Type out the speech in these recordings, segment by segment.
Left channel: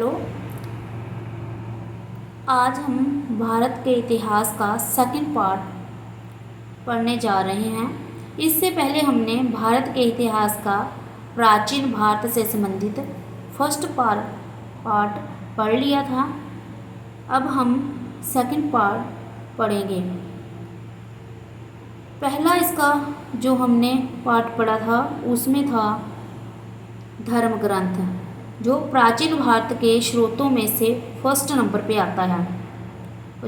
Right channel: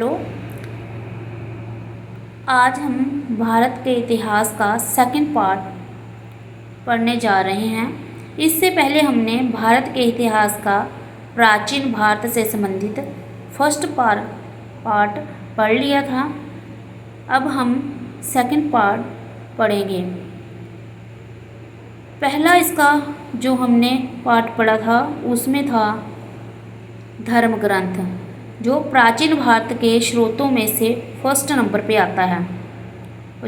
Hello. आज हम भारत के इतिहास का सेकंड पार्ट पढ़ने जा रहे हैं। इससे पहले हमने भारत के इतिहास का प्राचीन भारत से संबंधित फर्स्ट पार्ट पढ़ लिया था। अब हम सेकंड पार्ट पढ़ेंगे। पहला इसका जो हमने पार्ट पढ़ा था उसमें था धर्म ग्रंथ, जो प्राचीन भारत के स्रोतों में से फर्स्ट नंबर पे आता है,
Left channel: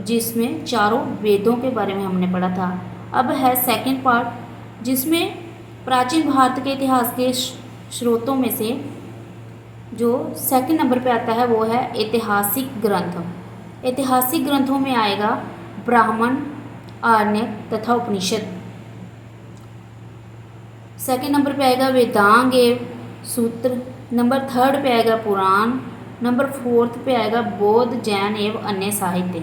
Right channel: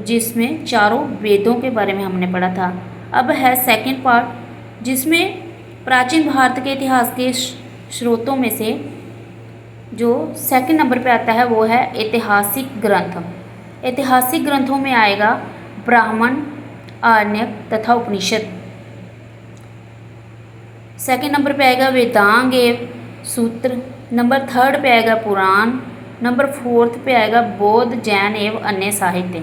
जिसमें चारों वेदों के बारे में हमने पढ़ा था। अब है सेकंड पार्ट, जिसमें प्राचीन भारत के इतिहास के स्रोतों में से जो सेकंड नंबर पे आता है वो है ऐतिहासिक ग्रंथ। ऐतिहासिक ग्रंथों में आएगा ब्राह्मण, आरण्यक तथा उपनिषद। सेकंड नंबर पे आएगा वेदांग एवं सूत्र। नंबर थर्ड पे आएगा पुराण। नंबर फोर्थ पे आएगा बौद्ध, जैन एवं अन्य साहित्य।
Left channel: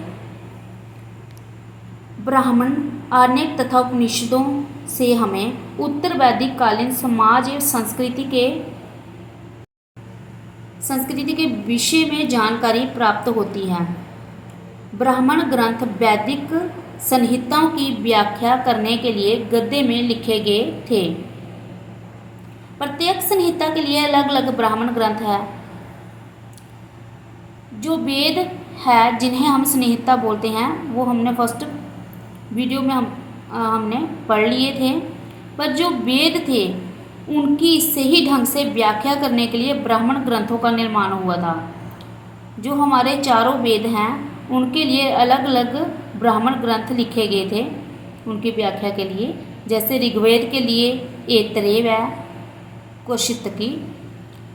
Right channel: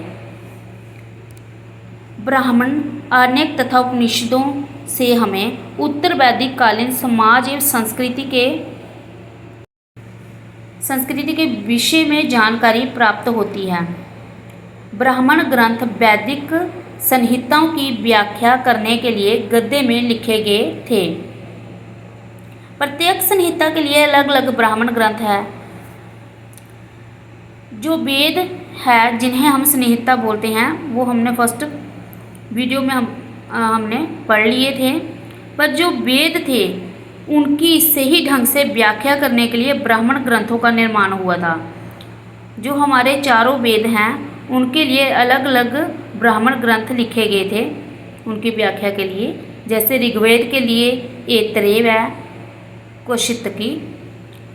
ब्राह्मण, आरण्यक तथा उपनिषदों से हमें उत्तर वैदिक कालीन समाज एवं संस्कृति के विषय में जानकारी प्राप्त होती है। ब्राह्मण ग्रंथ वैदिक संहिताओं की व्याख्या करने के लिए गद्य में लिखे गए थे। प्रत्येक संहिता के लिए अलग अलग ब्राह्मण ग्रंथ है। जो वेद है जिन्हें हम संहिता बोलते हैं वो हमने फर्स्ट वीडियो में हमने पढ़ लिए थे। पर जो वेद थे उनकी सही ढंग से व्याख्या करने के लिए ब्राह्मण ग्रंथों का निर्माण हुआ था। जो हमारे चारों वेद हैं उनके लिए अलग अलग ब्राह्मण ग्रंथ लिखे गए थे उनकी व्याख्या के लिए। जैसे ऋग्वेद के लिए ऐतरेय है, कौशितकी।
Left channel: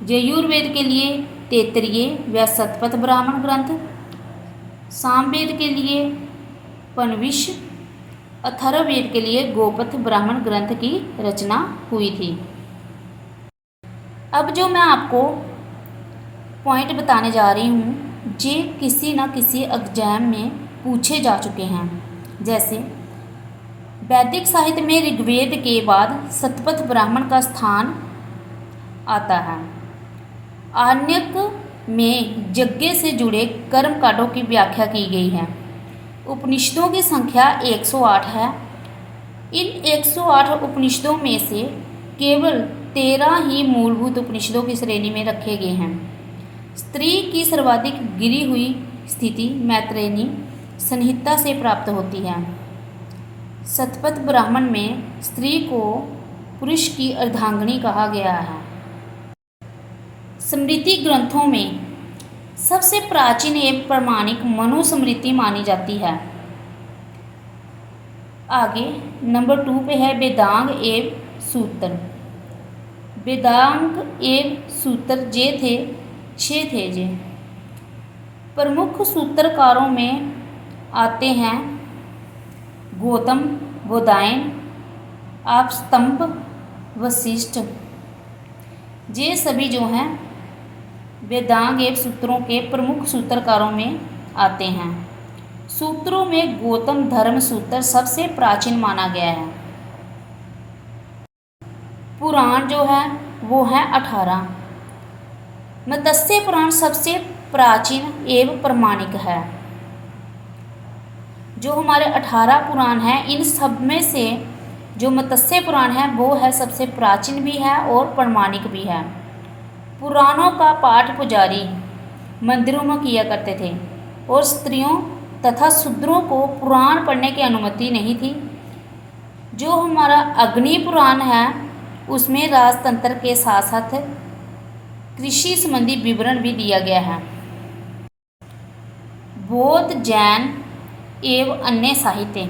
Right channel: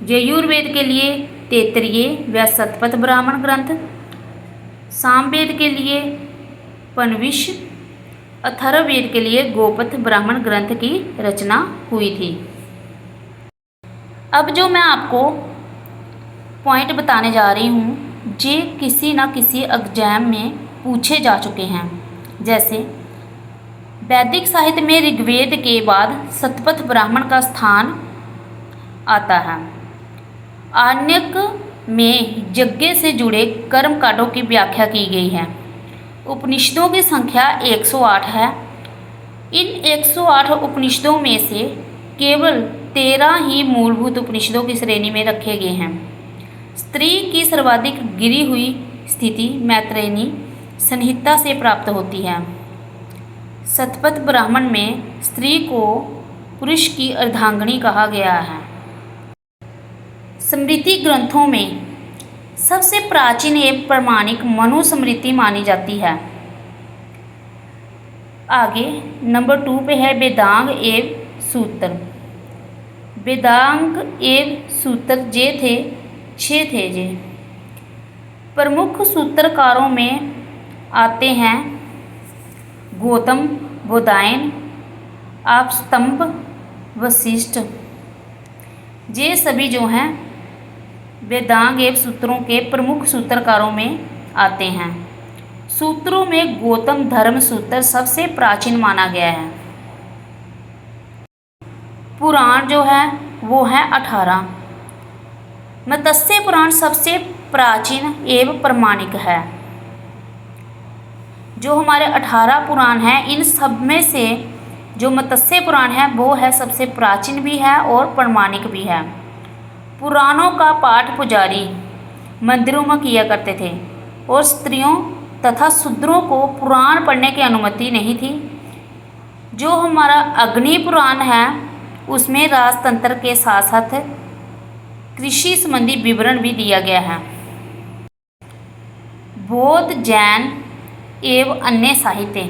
यजुर्वेद के लिए तैत्तिरीय व शतपथ ब्राह्मण ग्रंथ। सामवेद के लिए पनविश। अथर्ववेद के लिए गोपथ ब्राह्मण ग्रंथ की रचना हुई थी। अब जो मैं आपको पॉइंट बताने जा रही हूँ जे किसी न किसी एग्जाम में पूछे जा चुके हैं। जैसे वैदिक साहित्य में ऋग्वेद के बाद शतपथ ब्राह्मण का स्थान आता है। आरण्यक में यज्ञ से जुड़े कर्म कांडों की व्याख्या की गई है। उपनिषदों की संख्या 108 है। इन 108 उपनिषदों में से केवल 13 ही मूलभूत उपनिषदों की श्रेणी में रखे गए हैं। स्त्री की सर्वाधिक गिरी हुई स्थिति मैत्रेयी संहिता से प्राप्त होती है। शतपथ ब्राह्मण में स्त्री को पुरुष की अर्धांगिनी कहा गया है। स्मृति ग्रंथों में सबसे प्राचीन एवं प्रमाणिक मनुस्मृति मानी जाती है। आगे नंबर 2 पे है वेदांग एवं सूत्र। वेदांग एवं सूत्र जे थे 6 थे। जे प्रमुख सूत्रकारों में आते हैं गौतम, बोधायन, आपस्तंभ, वशिष्ठ। ये सभी जो हैं वेदांग एवं सूत्रों के प्रमुख सूत्रकारों में आते हैं। सूत्रों में गौतम धर्म सूत्र सबसे प्राचीन माना गया है। पुराण जो है वो है 18। मत्स्य पुराण सबसे प्राचीन एवं प्रमाणिक है। जो हमारे 18 पुराण हैं इन सब में से जो मत्स्य पुराण है वो है सबसे प्राचीन भी है और प्रमाणिक भी है। पुराणों का पाठ पुजारी मंदिरों में किया करते थे और स्त्रियों तथा शूद्रों को पुराण पढ़ने की अनुमति नहीं थी। जो हमारा अग्नि पुराण है उसमें राजतंत्र के साथ साथ कृषि संबंधी विवरण भी दिया गया है। बौद्ध, जैन एवं अन्य साहित्य।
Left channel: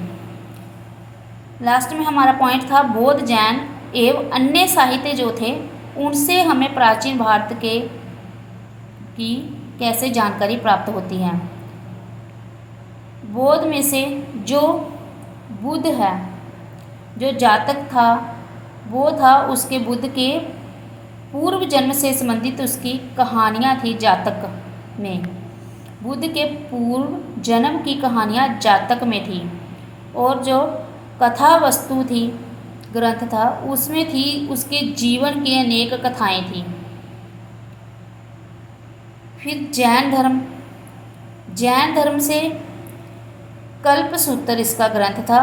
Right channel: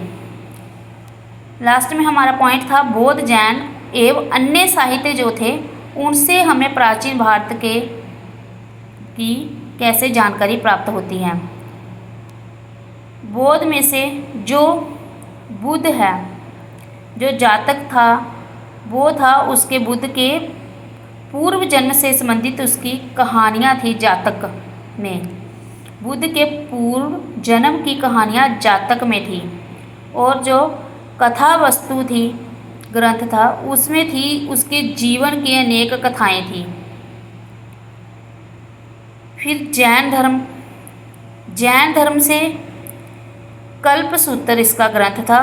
लास्ट में हमारा पॉइंट था बौद्ध, जैन एवं अन्य साहित्य जो थे उनसे हमें प्राचीन भारत की कैसे जानकारी प्राप्त होती है। बौद्ध में से जो बुद्ध है, जो जातक था वो था उसके बुद्ध के पूर्व जन्म से संबंधित उसकी कहानियाँ थी। जातक में बुद्ध के पूर्व जन्म की कहानियाँ जातक में थी और जो कथा वस्तु थी ग्रंथ था उसमें थी उसके जीवन की अनेक कथाएं थी। फिर जैन धर्म से कल्पसूत्र इसका ग्रंथ था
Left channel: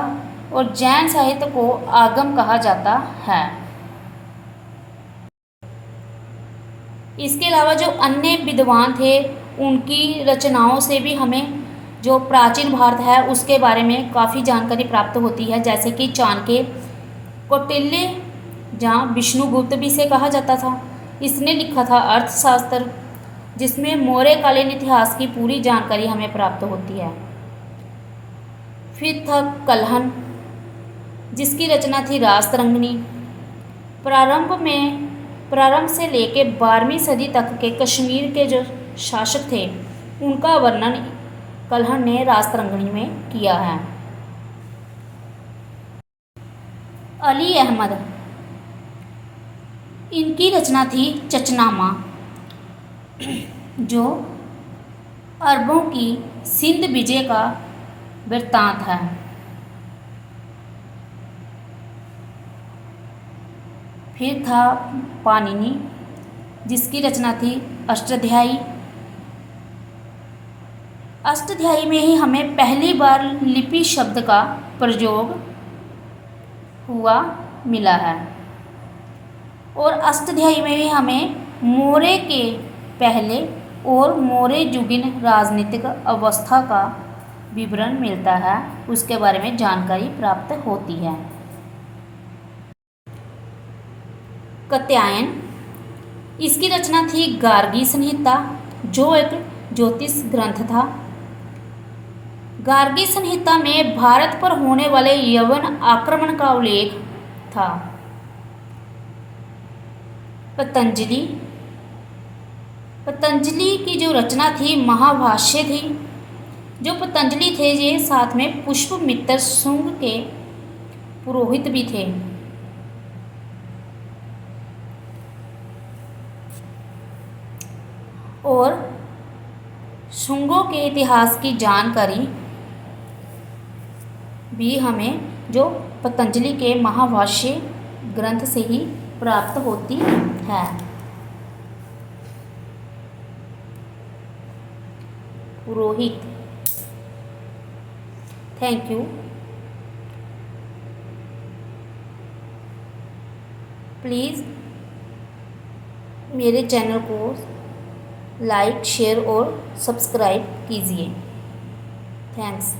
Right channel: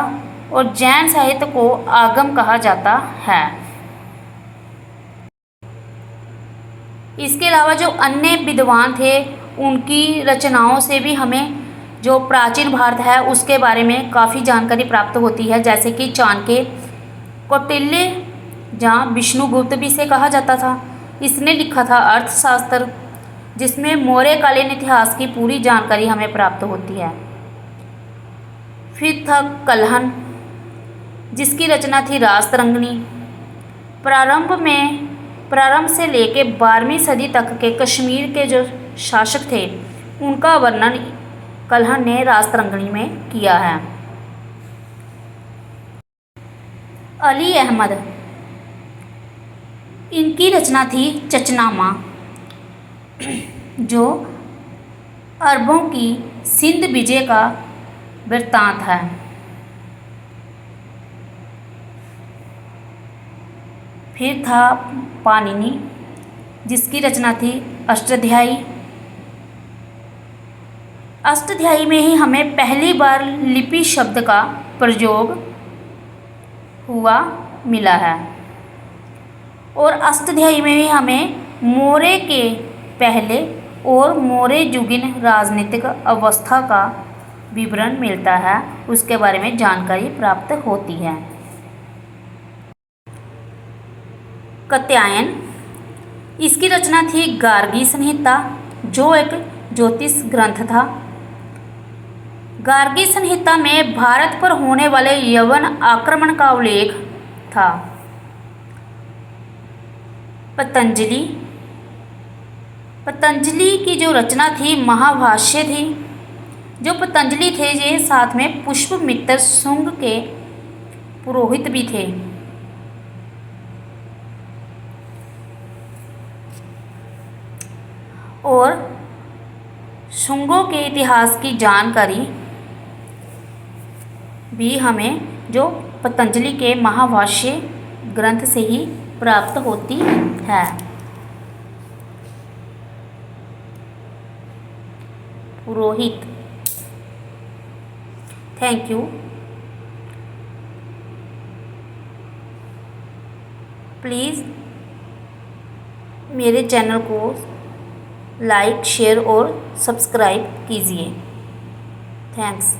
और जैन साहित्य को आगम कहा जाता है। इसके अलावा जो अन्य विद्वान थे उनकी रचनाओं से भी हमें जो प्राचीन भारत है उसके बारे में काफ़ी जानकारी प्राप्त होती है, जैसे कि चाणक्य, कौटिल्य, जहाँ विष्णुगुप्त भी इसे कहा जाता था, इसने लिखा था अर्थशास्त्र, जिसमें मौर्यकालीन इतिहास की पूरी जानकारी हमें प्राप्त होती है। फिर था कल्हण, जिसकी रचना थी रासतरंगिणी। प्रारंभ से लेके 12वीं सदी तक के कश्मीर के जो शासक थे उनका वर्णन कल्हण ने रासतरंगिणी में किया है। अली अहमद, इनकी रचना थी चचनामा, जो अरबों की सिंध विजय का वृत्तांत है। फिर था पाणिनि, जिसकी रचना थी अष्टाध्यायी। अष्टाध्यायी में ही हमें पहली बार लिपि शब्द का प्रयोग हुआ मिला है और अष्टाध्यायी में ही हमें मौर्य के पहले और मौर्ययुगीन राजनीतिक अवस्था का विवरण मिलता है, उसके बारे में जानकारी प्राप्त होती है। कात्यायन, इसकी रचना थी गार्गी संहिता, जो एक ज्योतिष ग्रंथ था। गार्गी संहिता में भारत पर होने वाले यवन आक्रमण का उल्लेख था। पतंजलि की जो रचना थी महाभाष्य थी। जो पतंजलि थे ये साथ में पुष्पमित्र शुंग के पुरोहित भी थे। और शुंगों के इतिहास की जानकारी भी हमें जो पतंजलि के महाभाष्य ग्रंथ से ही प्राप्त होती है। पुरोहित। Thank you. प्लीज़ मेरे चैनल को लाइक, शेयर और सब्सक्राइब कीजिए। थैंक्स।